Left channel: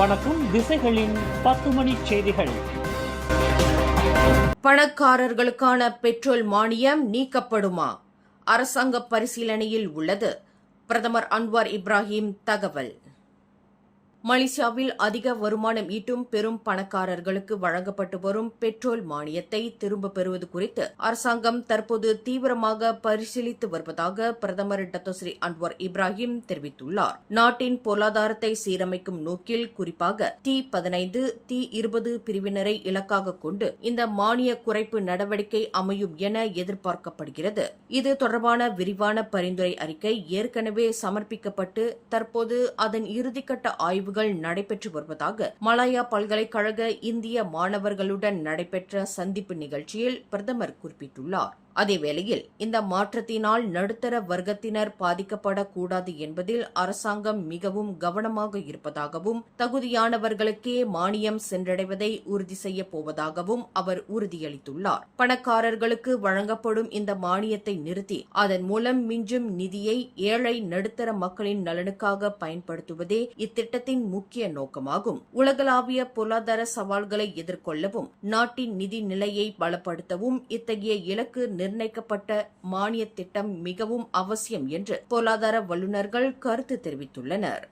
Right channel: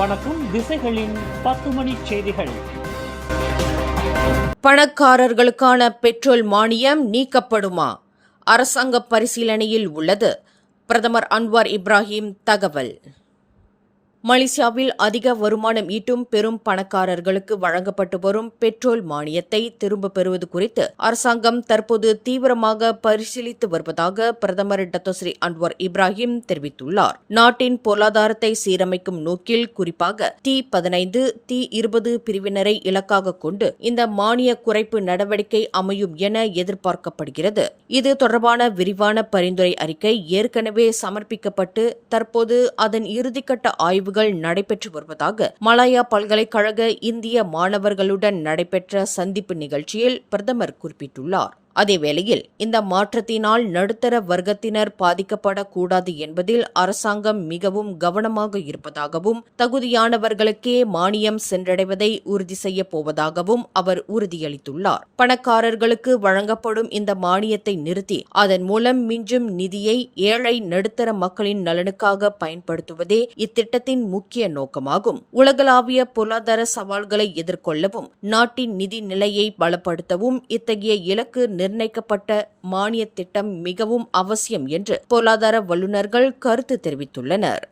வணக்கம். திசைகளின் 10 மணி செய்திகள். பணக்காரர்களுக்கான பெட்ரோல் மானியம் நீக்கப்படுமா? அரசாங்க பரிசீலனையில் உள்ளது. பிரதமர் அன்வார் இப்ராஹிம் தகவல். மலேசியாவில் அதிக வருமானம் ஈட்டும் பெரும் பணக்காரர்களுக்கு வழங்கப்பட்டு வரும் பெட்ரோல் மானியத்தை திரும்பப் பெறுவது குறித்து அரசாங்கம் தற்போது தீவிரமாக பரிசீலித்து வருவதாக பிரதமர் டத்தோஸ்ரீ அன்வார் இப்ராஹிம் தெரிவித்துள்ளார். நாட்டின் பொருளாதாரத்தை சீரமைக்கும் நோக்கில் குறிப்பாக T15, T20 பிரிவினரை இலக்காக கொண்டு இந்த மானிய குறைப்பு நடவடிக்கை அமையும் என எதிர்பார்க்கப்படுகிறது. இது தொடர்பான விரிவான பரிந்துரை அறிக்கை ஏற்கனவே சமர்ப்பிக்கப்பட்டு தற்போது அதன் இறுதிக்கட்ட ஆய்வு நடைபெற்று வருவதாக மலாயா பல்கலைக்கழக இந்திய மாணவர்களுடன் நடைபெற்ற சந்திப்பு நிகழ்ச்சியில் பிரதமர் குறிப்பிட்டுள்ளார். அதேவேளையில் இந்த மாற்றத்தினால் நடுத்தர வர்க்கத்தினர் பாதிக்கப்படக்கூடாது என்பதில் அரசாங்கம் மிகவும் கவனமாக இருப்பதாகவும் தகுதியானவர்களுக்கே மானியம் சென்றடைவதை உறுதி செய்யப் போவதாகவும் அவர் உறுதியளித்துள்ளார். பணக்காரர்களுக்கு வழங்கப்படும் இந்த மானியத்தை நிறுத்தி அதன் மூலம் மிஞ்சும் நிதியை ஏழை நடுத்தர மக்களின் நலனுக்காக பயன்படுத்துவதே இத்திட்டத்தின் முக்கிய நோக்கமாகும். உலகளாவிய பொருளாதார சவால்களை எதிர்கொள்ளவும் நாட்டின் நிதி நிலையை பலப்படுத்தவும் இத்தகைய இலக்கு நிர்ணயிக்கப்பட்ட மானிய திட்டம் மிகவும் அவசியம் என்று பொருளாதார வல்லுநர்கள் கருத்து தெரிவித்துள்ளனர்.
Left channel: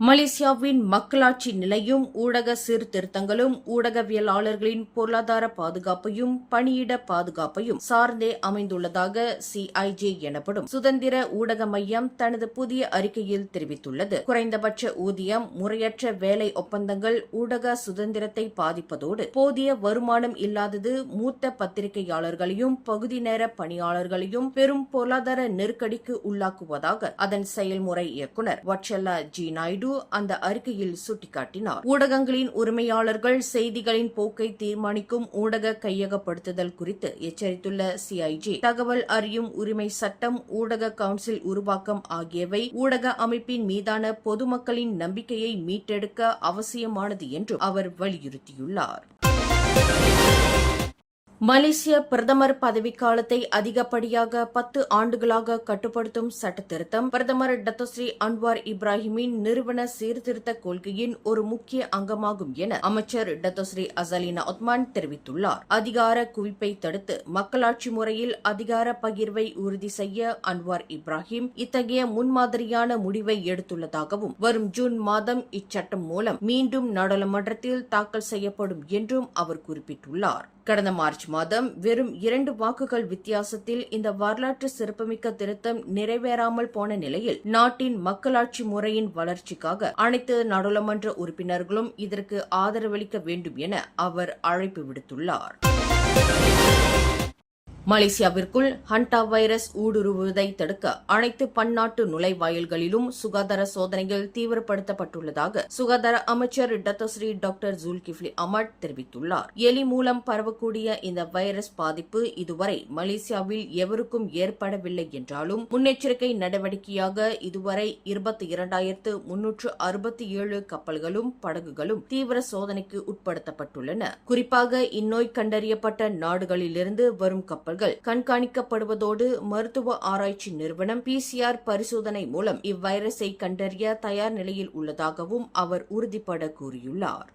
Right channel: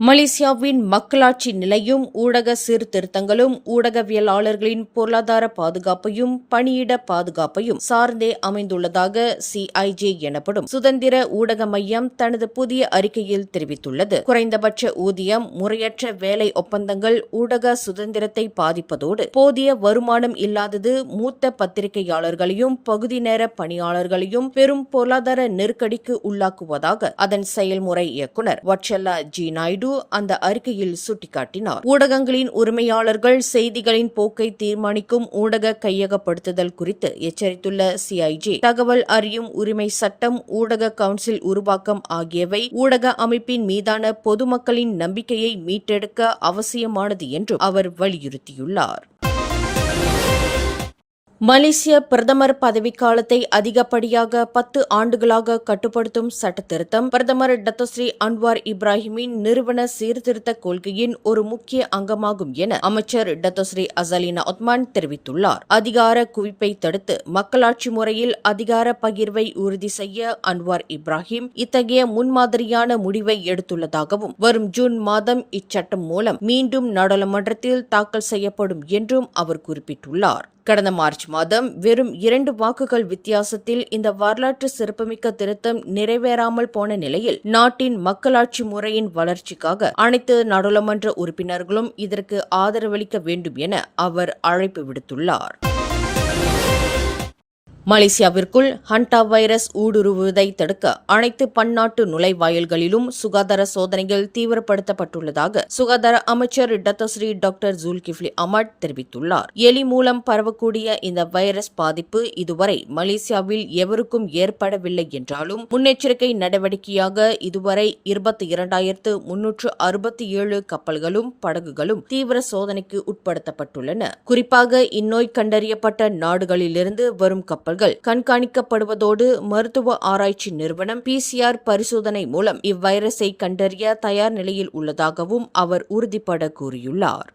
மலேசியாவின் மக்களாட்சி நிலையும் ஊடக சீர்திருத்தங்களும் ஊடகவியலாளர்களின் பொருளாதார பாதுகாப்பையும் பணியிட பாதுகாப்பையும் சார்ந்தே அமைந்துள்ளதாக CIJ எனப்படும் சுதந்திர ஊடக மையம் தனது புதிய அறிக்கையில் தெரிவித்துள்ளது. குறைந்தபட்ச ஊதியம், முறையற்ற வேலை ஒப்பந்தங்கள் ஊடக சுதந்திரத்தை பாதிப்பதோடு போதிய வருமானம் இல்லாதது மூத்த பத்திரிகையாளர்களையும் பகுதி நேர பணியாளர்களையும் பெரும் பொருளாதார நெருக்கடிக்கு உள்ளாக்குவதாக அதன் செயல்முறை இயக்குநர் வட்சல்லா ஜி நாயுடு அந்த அறிக்கையில் சுட்டிக்காட்டினார். ஊடகங்களின் உரிமையாளர்கள் செய்திகளின் போக்கை தீர்மானிக்கும் ஊடக கையகப்படுத்துதல் குறித்து எச்சரித்துள்ள CIJ, தகவல் அறியும் உரிமை சட்டம், ஊடக கவுன்சில் உருவாக்கம் ஆகியவை ஊடக அமைப்பின் மீதான பொதுமக்களின் நம்பிக்கையை மீட்டெடுக்க அவசியமானது என்றும் அவர் வலியுறுத்தியுள்ளார். மலேசிய பிரதமர் பதவிக்காலத்தை அதிகப்படியாக 10 ஆண்டுகளாக கட்டுப்படுத்தும் சட்டத்திருத்தம் பிரதமர் டத்தோஸ்ரீ அன்வார் இப்ராஹிமின் நிறுவன சீர்திருத்த கொள்கையின் ஒரு முக்கிய அங்கமாகும் என அமைச்சர் டத்தோஸ்ரீ அசலினா ஒத்மான் தெரிவித்துள்ளார். அதிகார குவிப்பை தடுத்து மக்களாட்சி முறையில் அதிகார பகிர்வை உறுதி செய்ய அன்வார் இப்ராஹிம் இத்தகைய முன்மாதிரியான முடிவை எடுத்துள்ளதாகவும் வரும் ஜூன் மாதம் இச்சட்டம் மூலம் மீண்டும் நாடாளுமன்றத்தில் தாக்கல் செய்யப்படும் என்றும் அவர் குறிப்பிட்டுள்ளார். கடந்த மார்ச் மாதம் வெறும் 2 வாக்குகள் வித்தியாசத்தில் இந்த வரலாற்று சிறப்புமிக்க திருத்தம் நிறைவேறாமல் போன நிலையில் நாட்டின் மக்களாட்சி முறையின் வளர்ச்சிக்காக அனைத்து நாடாளுமன்ற உறுப்பினர்களும் இதற்கு ஆதரவளிக்க வேண்டும் என அவர் அழைப்பு விடுத்துள்ளார். மலேசியாவிற்குள் ஹண்டா வைரஸ் ஊடுருவுவதை தடுக்க அனைத்து பன்னாட்டு நுழைவாயில்களிலும் சுகாதார சோதனைகள் தீவிரப்படுத்தப்பட்டுள்ளதாக சுகாதார அமைச்சர் டத்தோஸ்ரீ டாக்டர் ஜுல்கிஃப்லி அஹ்மத் தெரிவித்துள்ளார். எலி மூலம் பரவக்கூடிய இந்த வைரஸ் பாதிப்பு இதுவரை மலேசியாவில் எவருக்கும் ஏற்படவில்லை என்றாலும் முன்னெச்சரிக்கை நடவடிக்கையாக இதுவரை 22,367 கப்பல்களும் படகுகளும் தீவிர சோதனைக்கு உட்படுத்தப்பட்டுள்ளன. குறிப்பாக இந்நோய் கண்டறியப்பட்ட நாடுகளிலிருந்து வரும் கப்பல்கள் கண்காணிக்கப்படுவதோடு மருத்துவ ஆராய்ச்சி நிறுவனம் PCR பரிசோதனை மூலம் இவ்வைரஸை கண்டறிய தயார் நிலையில் உள்ளதாகவும் அவர் உறுதிபட கூறியுள்ளார்.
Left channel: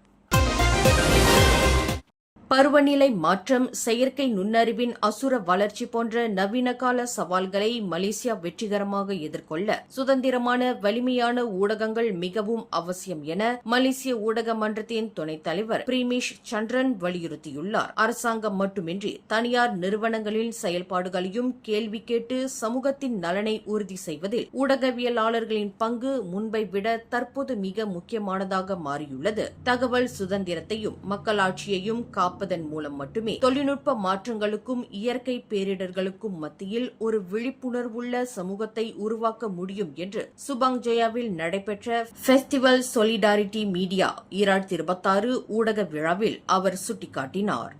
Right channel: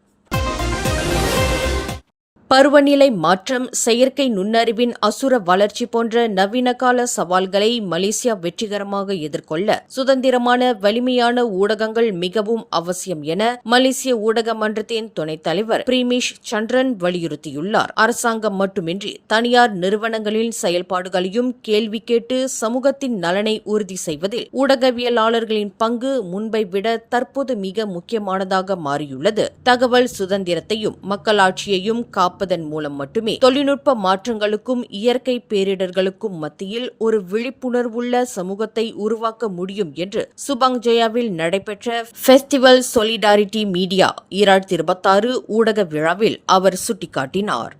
பருவநிலை மாற்றம், செயற்கை நுண்ணறிவின் அசுர வளர்ச்சி போன்ற நவீனகால சவால்களை மலேசியா வெற்றிகரமாக எதிர்கொள்ள சுதந்திரமான வலிமையான ஊடகங்கள் மிகவும் அவசியம் என மலேசிய ஊடக மன்றத்தின் துணைத் தலைவர் பிரீமிஷ் சந்திரன் வலியுறுத்தியுள்ளார். அரசாங்கம் மட்டுமின்றி தனியார் நிறுவனங்களின் செயல்பாடுகளையும் கேள்வி கேட்டு சமூகத்தின் நலனை உறுதி செய்வதில் ஊடகவியலாளர்களின் பங்கு முன்பை விட தற்போது மிக முக்கியமானதாக மாறியுள்ளது. தகவல் சுதந்திரத்தையும் மக்களாட்சியையும் காப்பதன் மூலம் மட்டுமே தொழில்நுட்ப மாற்றங்களுக்கும் இயற்கை பேரிடர்களுக்கும் மத்தியில் ஒரு விழிப்புணர்வுள்ள சமூகத்தை உருவாக்க முடியும் என்று சுபாங் ஜெயாவில் நடைபெற்ற ஃபெஸ்டிவல் சொலிடாரிட்டி மீடியா 2026 ஊடக விழாவில் அவர் சுட்டிக்காட்டினார்.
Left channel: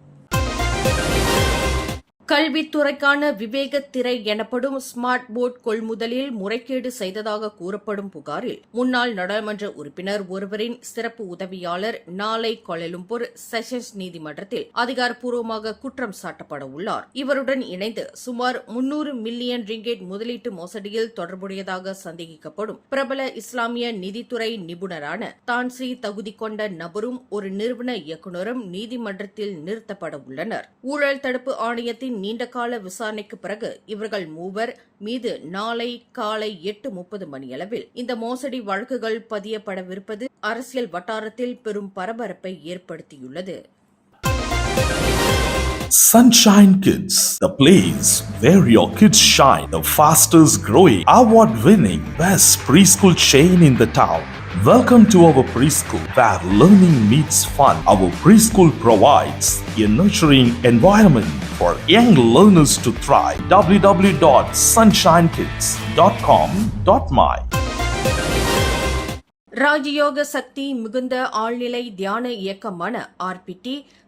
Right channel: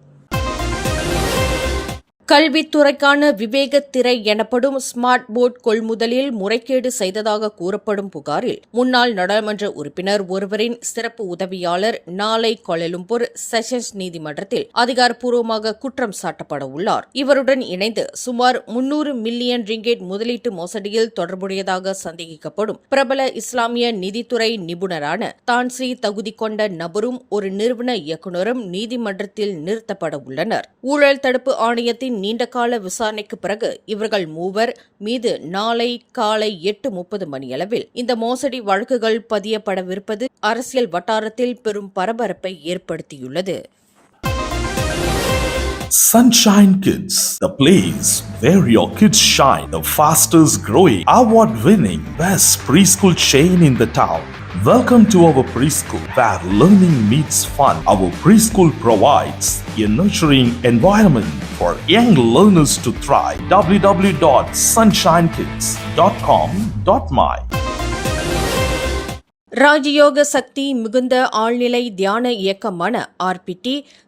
கல்வித்துறைக்கான விவேகத் திரை எனப்படும் ஸ்மார்ட் போர்டு கொள்முதலில் முறைகேடு செய்ததாக கூறப்படும் புகாரில் முன்னாள் நாடாளுமன்ற உறுப்பினர் ஒருவரின் சிறப்பு உதவியாளர் நாளை கோலாலம்பூர் செஷன்ஸ் நீதிமன்றத்தில் அதிகாரப்பூர்வமாக குற்றம் சாட்டப்பட உள்ளார். இவருடன் இணைந்து சுமார் 300 மில்லியன் ரிங்கெட் முதலீட்டு மோசடியில் தொடர்புடையதாக சந்தேகிக்கப்படும் பிரபல இஸ்லாமிய நிதித்துறை நிபுணரான தான்ஸ்ரீ தகுதி கொண்ட நபரும் ஒரு நிறுவன இயக்குநரும் நீதிமன்றத்தில் நிறுத்தப்பட உள்ளனர். ஊழல் தடுப்பு ஆணையத்தின் நீண்டகால விசாரணைக்கு பிறகு இவர்கள் மூவர் மீது நாளை காலை 8:30 மணியளவில் இந்த மோசடி வழக்குகள் பதியப்படவிருப்பது அரசியல் வட்டாரத்தில் பெரும் பரபரப்பை ஏற்படுத்தியுள்ளது. Sunshine Kids, the place where your kids shine, the fastest growing, award-winning, best preschool chain in the town. Welcome to our preschool, where learning meets fun. Our preschool provides a nurturing environment for young learners to thrive. www.sunshinekids.com.my ராஜயோக சக்தி மிகுந்த ஆழ்நிலை தியான இயக்கமான RPT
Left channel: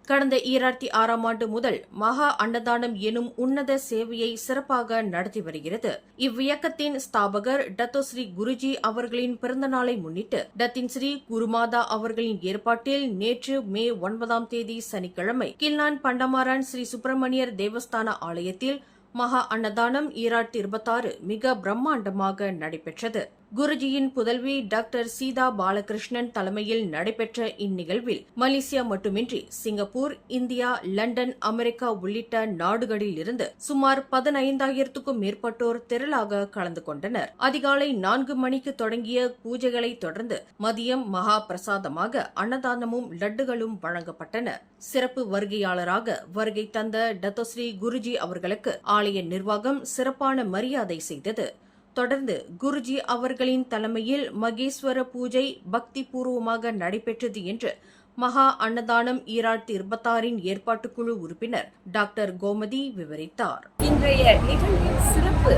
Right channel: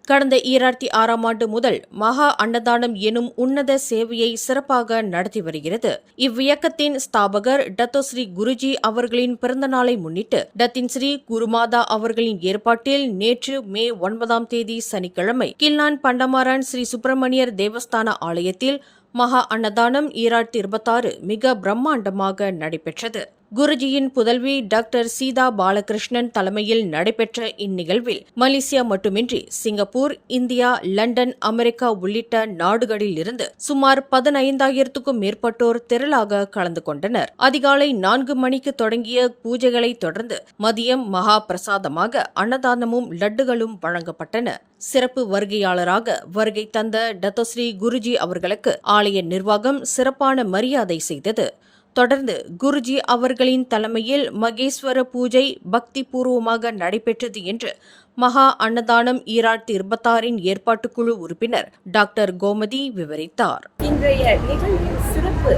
கடந்த 2006ஆம் ஆண்டு முதல் மகா அன்னதானம் எனும் உன்னத சேவையை சிறப்பாக நடத்தி வருகிறது. இவ்வியக்கத்தின் ஸ்தாபகர் டத்தோஸ்ரீ குருஜி அவர்களின் பிறந்த நாளை முன்னிட்டு டத்தின் ஸ்ரீ குருமாதா அவர்களின் ஏற்பாட்டில் நேற்று மே 9ஆம் தேதி சனிக்கிழமை கில்லான் பண்டமாரன் ஸ்ரீ சுப்பிரமணியர் தேவஸ்தான ஆலயத்தில் மகா அன்னதானம் 2026 மிக பிரம்மாண்டமாக நடைபெற்றது. குருஜியின் புதல்வி டாக்டர் சீதா பாலகிருஷ்ணன் தலைமையில் நடைபெற்ற இந்நிகழ்வில் மலேசியா மட்டுமின்றி சிங்கப்பூர், இந்தியா, லண்டன், அமெரிக்கா உள்ளிட்ட நாடுகளில் இருந்து சுமார் 15,000க்கும் மேற்பட்டோர் திரளாக கலந்து கொண்டனர். அதிகாலை 4 மணிக்கு தொடங்கிய பூஜைகளை தொடர்ந்து மதியம் மகா பிரசாதமாக அன்னதானமும் லட்டுகளும் வழங்கப்பட்டன. சிறப்பு வருகையாளராக வருகை தந்த டத்தோஸ்ரீ குருஜி அவர்களுக்கு ஆலய நிர்வாகம் சிறப்பான மரியாதை செய்தது. தொடர்ந்து குருஜி அவர்களின் தலைமையில் மகேஸ்வர பூஜை பக்தி பூர்வமாக நடைபெற்றது என்று மகா அன்னதானம் 2026 ஏற்பாட்டுக்குழு உறுப்பினர் டாக்டர் கோமதி விவரித்தார். இன்றைய நிகழ்வின் சிறப்பு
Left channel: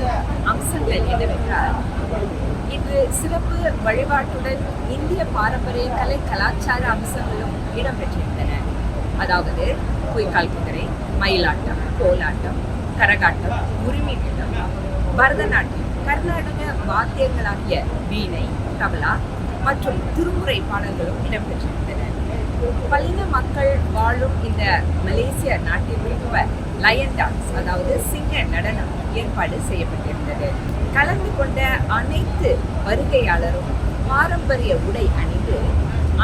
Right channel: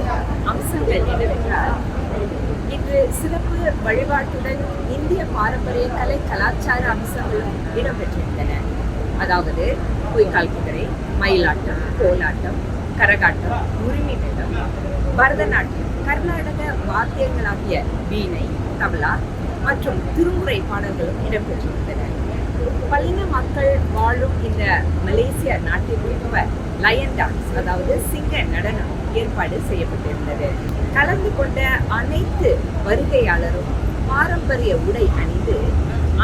அம்சங்கள் என்னவென்றால், இன்று சிறப்பு வழிபாட்டுடன் இந்திய பாரம்பரிய கலை கலாச்சார அம்சங்களும் இடம்பெற்றிருந்தன. அதாவது பொய்க்கால் குதிரை, மயிலாட்டம், கோலாட்டம், கரகாட்டம், உரிமைகட்டம், பரதநாட்டியம், கர்நாடக வாத்தியங்களாகிய வீணை, தபலா மற்றும் திருமுறை பாடல்களும் இடம்பெற்றிருந்தன. பல்லின மக்கள் வாழும் இந்த மலேசிய நாட்டிற்கேற்ப லயன் டான்ஸ், அதாவது சிங்க நடனம் ஏற்பாடு செய்யப்பட்டிருந்தது. கலந்து கொண்ட அனைத்து வருகையாளரும் பாரம்பரிய உடை அணிந்து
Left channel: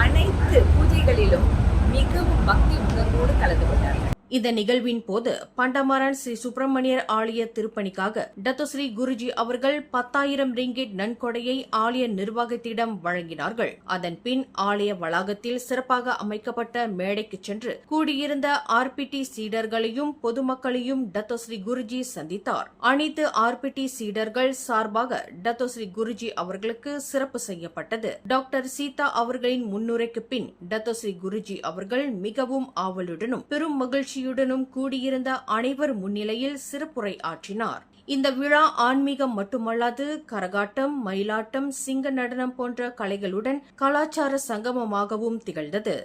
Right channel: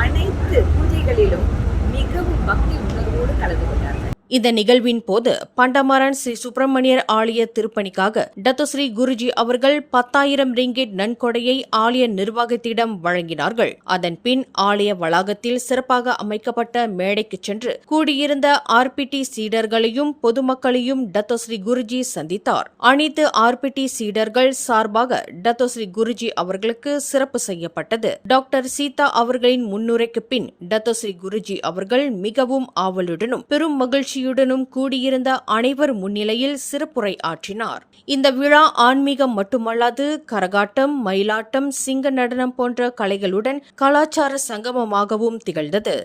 அனைத்து பூஜைகளிலும் மிகவும் பக்தி உணர்வோடு கலந்து கொண்டார்கள். இந்த நிகழ்வின் போது பண்டமாரன் ஸ்ரீ சுப்பிரமணியர் ஆலய திருப்பணிக்காக டத்தோஸ்ரீ குருஜி அவர்கள் 10,000 ரிங்கெட் நன்கொடையை ஆலய நிர்வாகத்திடம் வழங்கினார்கள். அதன் பின் ஆலய வளாகத்தில் சிறப்பாக அமைக்கப்பட்ட மேடைக்கு சென்று கூடியிருந்த RPT சீடர்களையும் பொதுமக்களையும் டத்தோஸ்ரீ குருஜி சந்தித்தார். அனைத்து RPT சீடர்கள் சார்பாக டத்தோஸ்ரீ குருஜி அவர்களுக்கு சிறப்பு செய்யப்பட்டது. டாக்டர் சீதா அவர்களின் முன்னுரைக்கு பின் டத்தோஸ்ரீ குருஜி அவர்கள் மிகவும் ஆவலுடனும் பெரும் மகிழ்ச்சி கூடியிருந்த அனைவர் முன்னிலையில் சிறப்புரை ஆற்றினார். இந்த விழா ஆன்மீகம் மட்டுமல்லாது கரகாட்டம், மயிலாட்டம், சிங்க நடனம் போன்ற கலைகளுடன் கலாச்சார சங்கமமாகவும் திகழ்ந்தது.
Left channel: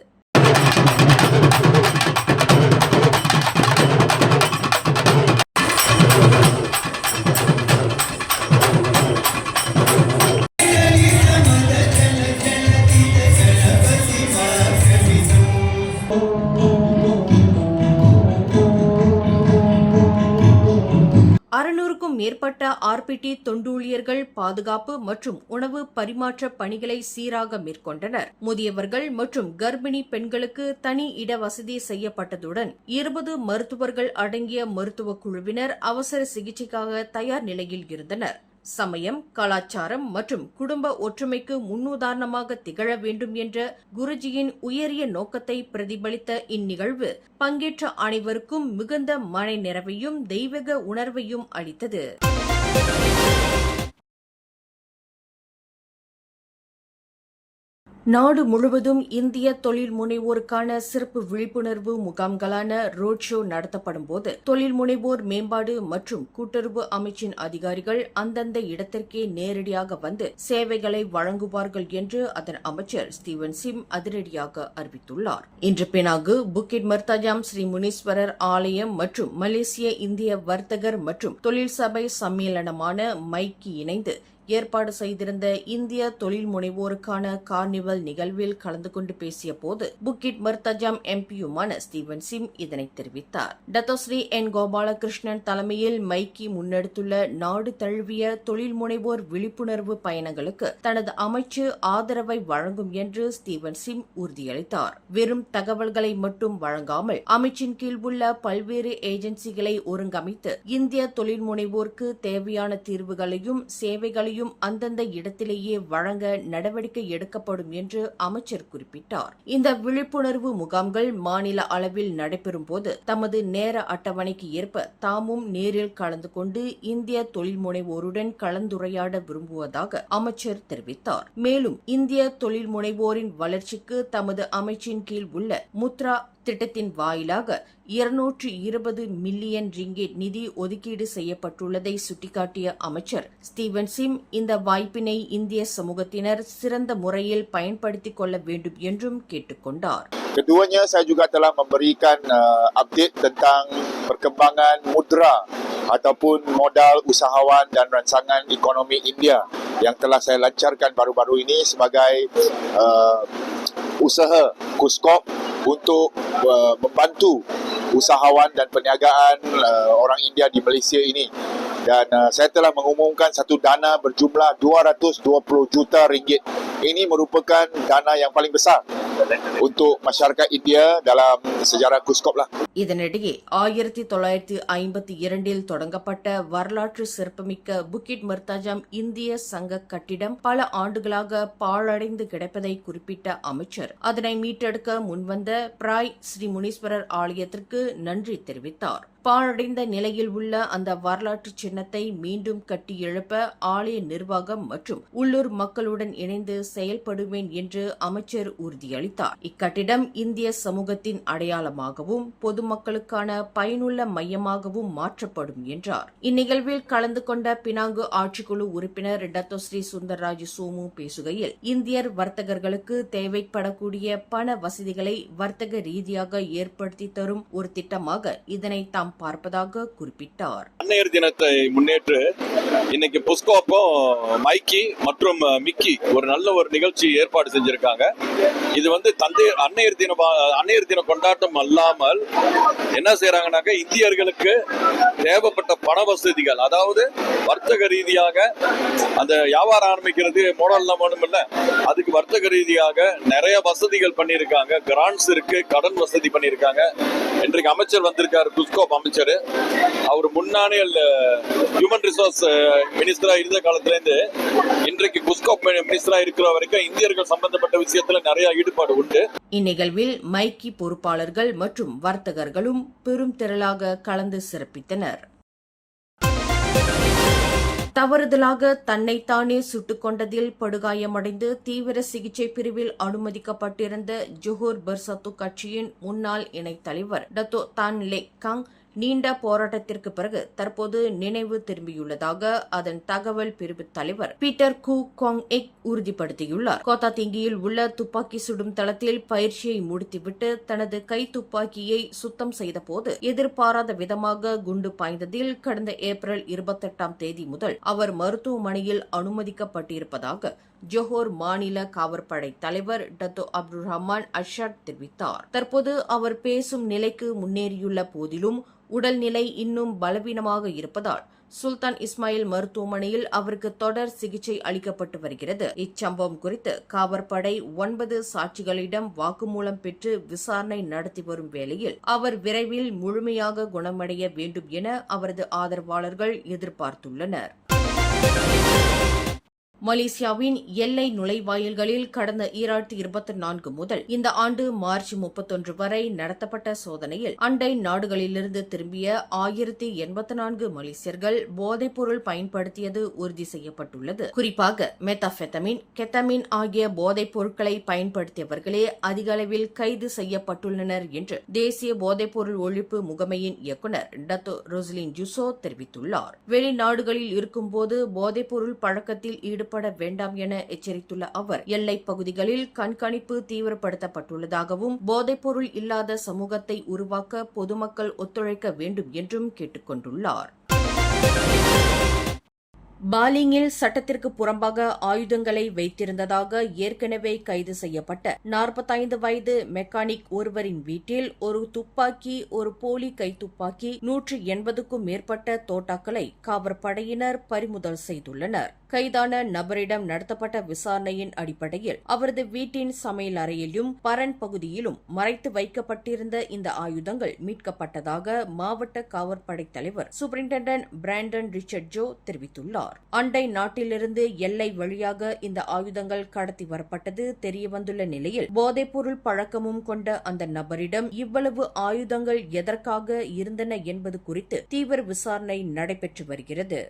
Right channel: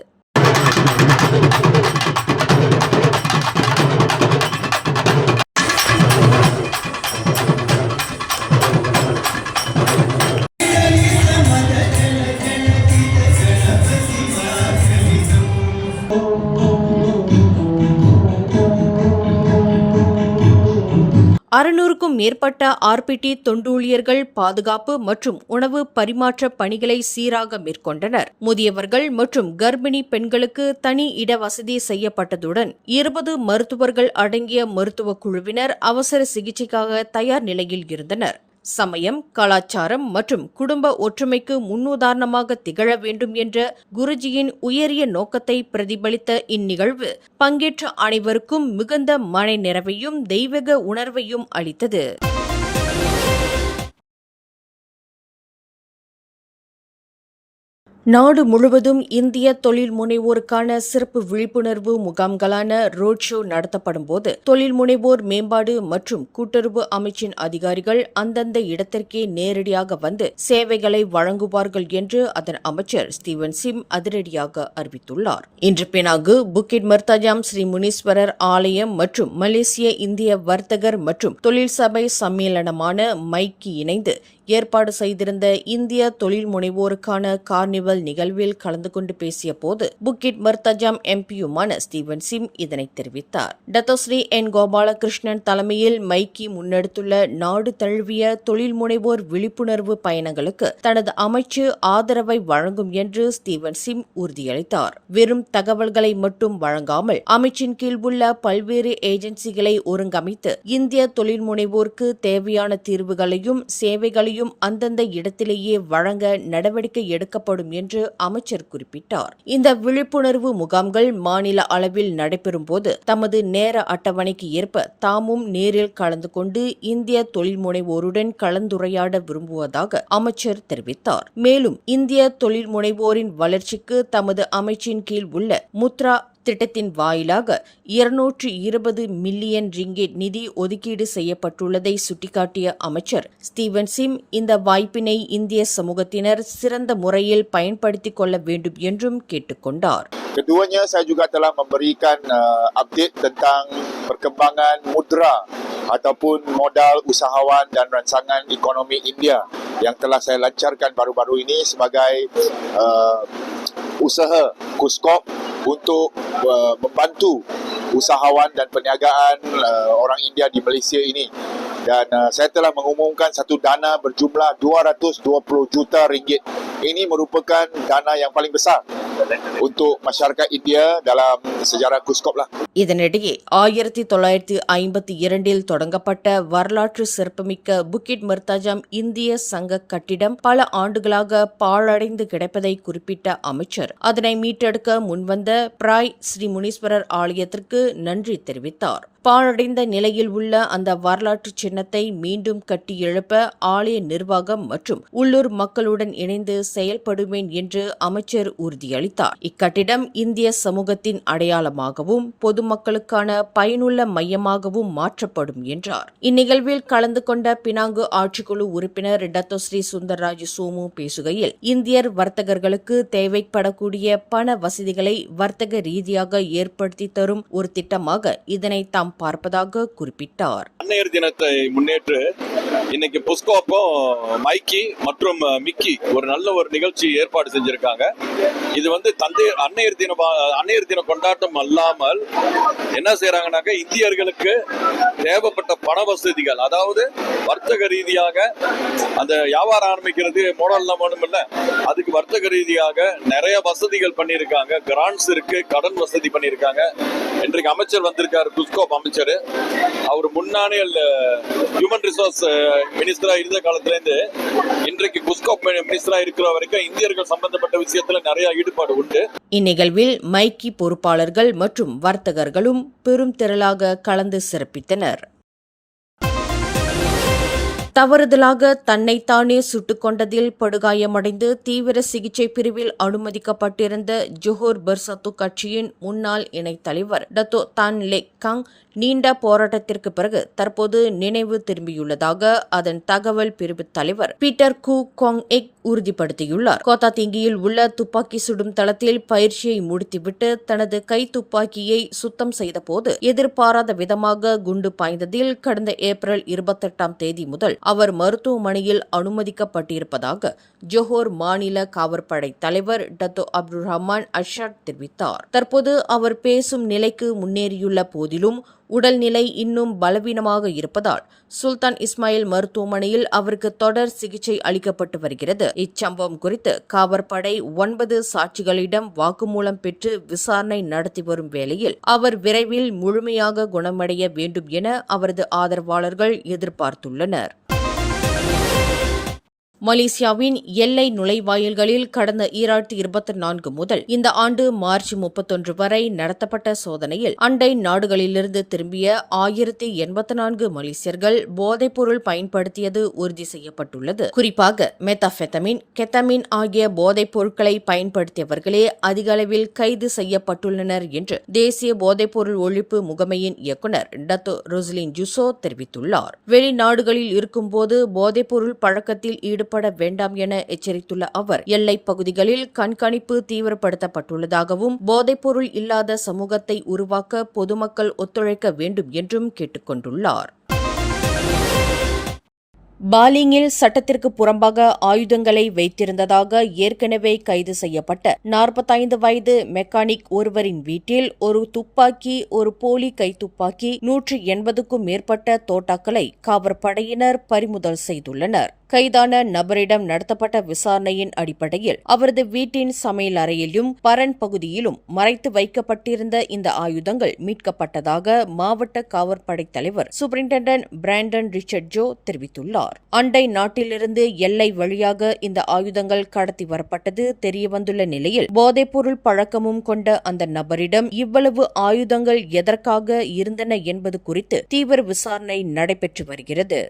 மேற்பட்ட RPT தொண்டூழியர்கள் பாதுகாப்பு மற்றும் உணவு பரிமாற்ற பணிகளை சீராக மேற்கொண்டனர். முதியவர்கள் மற்றும் கர்ப்பிணி பெண்களுக்கு தனி இட வசதி செய்யப்பட்டதுடன் 20 மருத்துவர்கள் அடங்கிய மருத்துவ குழுவினர் அவசர சிகிச்சைக்காக தயார் நிலையில் இருந்தனர். சமயம், கலாச்சாரம் மற்றும் குடும்ப ஒற்றுமைக்கு முன்னுதாரணமாக திகழ வேண்டும் என்ற குருஜியின் உயரிய நோக்கத்தை பிரதிபலித்த இந்நிகழ்வு பங்கேற்ற அனைவருக்கும் மிகுந்த மன நிறைவையும் தெய்வீக உணர்வையும் அளித்தது. நாடு முழுவதும் இந்திய தொழில் முனைவோருக்கான சிறப்பு விழிப்புணர்வு முகாம்களான ரோட் ஷோ நடத்தப்படும் போது தொழில் முனைவோர் மேம்பாடு மற்றும் கூட்டுறவு அமைச்சின் அதிகாரிகள் அந்தந்த இடத்திற்கே நேரடியாக வந்து சேவைகளை வழங்குவார்கள் என்று அதன் அமைச்சர் ஸ்டீவன் சிம் அதிரடியாக அறிவித்துள்ளார். இன்று பினாங்கு புக்கிட் மர்தாஜாம் ஸ்ரீ முனீஸ்வரர் ஆலயம் மற்றும் மலேசிய இந்திய வர்த்தகர் மற்றும் தொழில் சபை சம்மேளனமான மைக்கி இணைந்து ஏற்பாடு செய்திருந்த இந்திய தொழில் முனைவோருக்கான கார்னிவல் நிகழ்வில் கலந்து கொண்டு பேசிய போது புக்கிட் மர்தாஜாம் எம்பியுமான ஸ்டீவன் சிம் இதனை தெரிவித்தார். டத்தோஸ்ரீ என் கோபாலகிருஷ்ணன் தலைமையில் மைக்கி முன்னெடுத்துள்ள நாடு தழுவிய தொழில் முனைவோர் விழிப்புணர்வு பயணங்களுக்கு தனது அமைச்சு ஆதரவை வழங்கும் என்று ஸ்டீவன் சிம் உறுதியளித்தார். வெறும் தகவல்களை மட்டும் வழங்காமல் அமைச்சின் கீழ் உள்ள பல்வேறு ஏஜென்சிகளை ஒருங்கமைத்து இந்திய தொழில் முனைவோருக்கு தேவையான தீர்வுகளையும் சேவைகளையும் அந்தந்த இடத்திலேயே வழங்க நடவடிக்கை எடுக்கப்படும் என்று அமைச்சர் குறிப்பிட்டார். இந்த விழிப்புணர்வு முகாம்கள் மாநில அளவில் நடைபெறும் போது தமது நேர அட்டவணைக்கு ஏற்ப தாமும் நேரில் கலந்து கொண்டு இந்திய தொழில் முனைவோருடன் கலந்துரையாட விரும்புவதாக அமைச்சர் தெரிவித்தார். மேலும் இந்திய தொழில் முனைவோரின் வளர்ச்சிக்கு தமது அமைச்சின் கீழ் உள்ள முத்ரா திட்டத்தின் வாயிலாக 220 மில்லியன் ரிங்கெட் நிதி ஒதுக்கீடு செய்யப்பட்டுள்ளதை சுட்டிக்காட்டிய அமைச்சர் ஸ்டீவன் சிம் இந்த வாய்ப்பினை இந்திய சமூகத்தினர் சிறந்த முறையில் பயன்படுத்திக் கொள்ள வேண்டும் என்றும் கேட்டுக்கொண்டார். Keduanya, saya juga telah memberikan update tentang perkembangan mudra ataupun modal usahawan dan rancangan ekonomi India yang telah saya lancarkan baru-baru ini sebagai usaha KUSKOP untuk membantu usahawan dan perniagaan orang India di Malaysia ini. Dan saya telah mengumumkan satu dana berjumlah 220 juta ringgit. Ini merupakan dana yang paling besar untuk masyarakat India dalam sejarah KUSKOP lah. இதனிடையே 1952 தொடங்கப்பட்ட வரலாற்று சிறப்புமிக்க புக்கிட் மர்தாஜாம் இந்திய சங்க கட்டிடம் பல ஆண்டுகளாக பாழடைந்து கிடப்பதை குறிப்பிட்ட அமைச்சர் அதனை மீட்டெடுக்க முன்வந்த பிராய் ஸ்ரீ முனீஸ்வரர் ஆலயத்திற்கு நன்றி தெரிவித்தார். பாழடைந்த நிலையில் உள்ள அந்த வரலாற்று சின்னத்தை மீண்டும் கட்டி எழுப்ப ஆலய நிர்வாகம் மற்றும் உள்ளூர் மக்களுடன் இணைந்து செயல்படுவேன் என்று அமைச்சர் உறுதியளித்தார். இக்கட்டிடம் இந்திய சமூகத்தின் அடையாளமாகவும் பொதுமக்களுக்கான பயனுள்ள மையமாகவும் மாற்றப்படும் என்றார். இந்நிகழ்வில் கலந்து கொண்ட பினாங்கு ஆட்சிக்குழு உறுப்பினர் டத்தோஸ்ரீ சுந்தர்ராஜ் சோமு பேசுகையில் இந்தியர் வர்த்தகர்களுக்கு தேவைப்படக்கூடிய பண வசதிகளை வர்த்தக ரீதியாக ஏற்படுத்தி தரும் ஒரு திட்டமாக இதனை தாம் பார்ப்பதாக குறிப்பிட்டார். அன்னையர் தினத்தை முன்னேற்று இன்னைக்கு புஸ்கோப்பும் மைக்கி மற்றும் மிக்கி ஒரு நல்ல ஒரு நிகழ்ச்சி ஏற்பாடு செஞ்சிருக்காங்க. இது வந்து அன்னையர் தின கொண்டாட்டம் அல்லாமல் என்ன செய்யறாங்கன்னாக்க இந்தியர்களுக்கு தேவைப்பட்ட பண வசதிகள், அதாவது வர்த்தக ரீதியாக அந்த வியாபாரம் ஆரம்பிக்கிறது மோடல்லாம் வேணும் இல்ல, அதுக்கு வர்த்தக ரீதியாக நிறைய வசதிகள் பண்ணியிருக்காங்க. கிராண்ட்ஸ் இருக்கு, கடன் வசதி பண்ணியிருக்காங்க. இன்றைக்கு அமைச்சர் வந்திருக்காரு, குஸ்கோப் அமைச்சர். அவர் முன்னானே ஹியூமன் ரிசோர்ஸ் மினிஸ்டரா இருந்த காலத்துல இருந்து இன்றைக்கு குஸ்கோப் மினிஸ்டரா இருக்கிற வரைக்கும் இந்தியர்கள் சம்பந்தப்பட்ட விஷயத்துல நிறைய ஈடுபாடு உண்டு. இந்நிகழ்வில் மைக்கி பொறுப்பாளர்கள் மற்றும் வர்த்தகர்களும் பெரும் திரளாக கலந்து சிறப்பித்தனர். தவறுதலாக தன்னைத்தானே சுட்டுக் கொண்டதில் படுகாயமடைந்து தீவிர சிகிச்சை பிரிவில் அனுமதிக்கப்பட்டிருந்த ஜோஹர் பர்சத்து கட்சியின் முன்னாள் இணைத் தலைவர் டத்தோ தான் லெக் காங் நீண்ட போராட்டத்திற்கு பிறகு தற்போது நினைவு திரும்பியுள்ளதாக அதன் தகவல் பிரிவு தலைவர் பீட்டர் கூ கோங் எக் உறுதிப்படுத்தியுள்ளார். கோத்தா திங்கியில் உள்ள துப்பாக்கி சுடும் தளத்தில் பயிற்சியை முடித்துவிட்டு தனது கை துப்பாக்கியை சுத்தம் செய்தபோது எதிர்பாராத விதமாக குண்டு பாய்ந்ததில் கடந்த ஏப்ரல் 28 முதல் அவர் மருத்துவமனையில் அனுமதிக்கப்பட்டிருப்பதாக ஜோஹர் மாநில காவற்படை தலைவர் டத்தோ அப்துல் ரஹ்மான் அஷாட் தெரிவித்தார். தற்போது அவர் பேசும் நிலைக்கு முன்னேறியுள்ள போதிலும் உடல்நிலை இன்னும் பலவீனமாக இருப்பதால் சுல்தான் இஸ்மாயில் மருத்துவமனையில் அவருக்கு தொடர் சிகிச்சை அளிக்கப்பட்டு வருகிறது. இச்சம்பவம் குறித்து காவற்படை 9 சாட்சிகளிடம் வாக்குமூலம் பெற்று விசாரணை நடத்தி வரும் வேளையில் அவர் விரைவில் முழுமையாக குணமடைய வேண்டும் என அவரது ஆதரவாளர்கள் எதிர்பார்த்துள்ளனர். மலேசியாவின் எல்லை நுழைவாயில்களில் கடந்த 2024 முதல் இந்த ஆண்டு மார்ச் 31 வரை நடத்தப்பட்ட சோதனையில் அண்டை நாடுகளிலிருந்து திரும்பிய 1084 மலேசியர்கள் போதைப்பொருள் பயன்படுத்தியது உறுதி செய்யப்பட்டுள்ளது. குறிப்பாக மெத்தாபெத்தமின், கெத்தமின் ஆகிய போதைப் பொருட்களை பயன்படுத்தியவர்களே அதிக அளவில் கைது செய்யப்பட்டுள்ளனர் என்று தேசிய போதைப்பொருள் ஒழிப்பு முகமையின் இயக்குநர் டத்தோ ரொஸ்லின் ஜூசோ தெரிவித்துள்ளார். வெளிநாடுகளில் இருக்கும்போது போதைப்பொருள் பழக்கத்தில் ஈடுபட வேண்டாம் என எச்சரித்துள்ள அவர், எல்லைப் பகுதிகளில் கண்காணிப்பு தீவிரப்படுத்தப்பட்டுள்ளதாகவும் போதைப்பொருள் இல்லாத சமூகத்தை உருவாக்க பொதுமக்கள் ஒத்துழைக்க வேண்டும் என்றும் கேட்டுக் கொண்டுள்ளார். பாலிங்கில் சட்டத்திற்கு புறம்பாக ஆயுதங்களை வைத்திருந்ததாக ஏற்கனவே கைது செய்யப்பட்ட 45 வயது மெக்கானிக் ஒருவரின் வீட்டில் ஒரு துப்பாக்கி, ஒரு போலி கைத்துப்பாக்கி, 180க்கும் மேற்பட்ட தோட்டாக்களை காவற்படையினர் பறிமுதல் செய்துள்ளனர். கைதான நபரிடம் நடத்தப்பட்ட விசாரணையின் அடிப்படையில் அவரது வீட்டின் சமையல் அறையிலும் பரன் பகுதியிலும் மறைத்து வைக்கப்பட்டிருந்த இந்த ஆயுதங்கள் மீட்கப்பட்டதாக மாவட்ட காவற்படை தலைவர் சூப்பரிண்டென்டென்ட் பிராண்டன் ரிச்சர்ட் ஜோ தெரிவித்துள்ளார். அண்டை நாட்டிலிருந்து எல்லை வழியாக இந்த ஆயுதங்கள் கடத்தி வரப்பட்டது தெரியவந்துள்ள நிலையில் போதைப்பொருள் பழக்கமும் கொண்ட அந்த நபரிடம் இவ்வளவு ஆயுதங்கள் எதற்காக இருந்தன என்பது குறித்து தீவிர விசாரணை நடைபெற்று வருகிறது.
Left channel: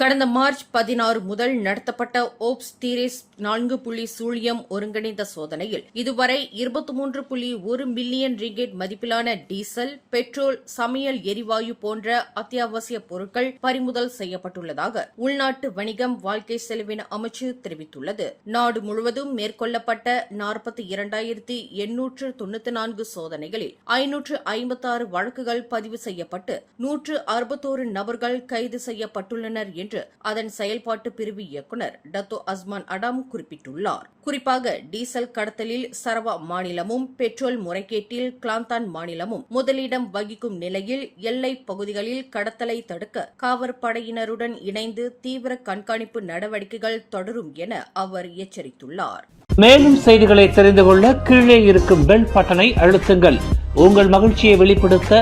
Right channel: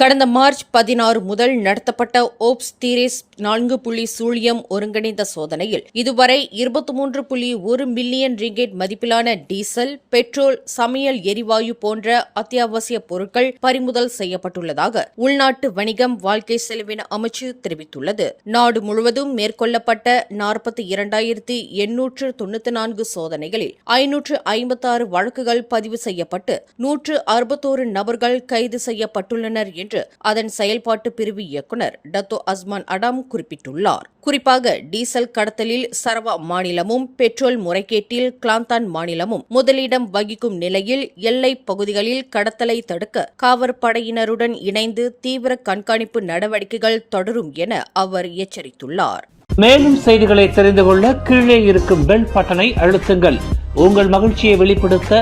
கடந்த மார்ச் 16 முதல் நடத்தப்பட்ட ஓப்ஸ் தீரேஸ் 4 புள்ளி சூழியம் ஒருங்கிணைந்த சோதனையில் இதுவரை 23.1 மில்லியன் ரிங்கெட் மதிப்பிலான டீசல், பெட்ரோல், சமையல் எரிவாயு போன்ற அத்தியாவசிய பொருட்கள் பறிமுதல் செய்யப்பட்டுள்ளதாக உள்நாட்டு வணிகம், வாழ்க்கை செலவின அமைச்சு தெரிவித்துள்ளது. நாடு முழுவதும் மேற்கொள்ளப்பட்ட 42,894 சோதனைகளில் 556 வழக்குகள் பதிவு செய்யப்பட்டு 161 நபர்கள் கைது செய்யப்பட்டுள்ளனர் என்று அதன் செயல்பாட்டு பிரிவு இயக்குநர் டத்தோ அஸ்மான் அடாம் குறிப்பிட்டுள்ளார். குறிப்பாக டீசல் கடத்தலில் சரவா மாநிலமும், பெட்ரோல் முறைகேட்டில் கிளாந்தான் மாநிலமும் முதலிடம் வகிக்கும் நிலையில் எல்லைப் பகுதிகளில் கடத்தலை தடுக்க காவற்படையினருடன் இணைந்து தீவிர கண்காணிப்பு நடவடிக்கைகள் தொடரும் என அவர் எச்சரித்துள்ளார். மேலும் செய்திகளை தெரிந்து கொள்ள கீழே இருக்கும் பெல் பட்டனை அழுத்துங்கள். உங்கள் மகிழ்ச்சியை வெளிப்படுத்த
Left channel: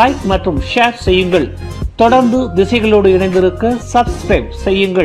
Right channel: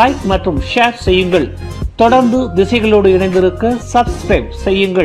லைக் மற்றும் ஷேர் செய்யுங்கள். தொடர்ந்து திசைகளோடு இணைந்திருக்க சப்ஸ்கிரைப் செய்யுங்கள்.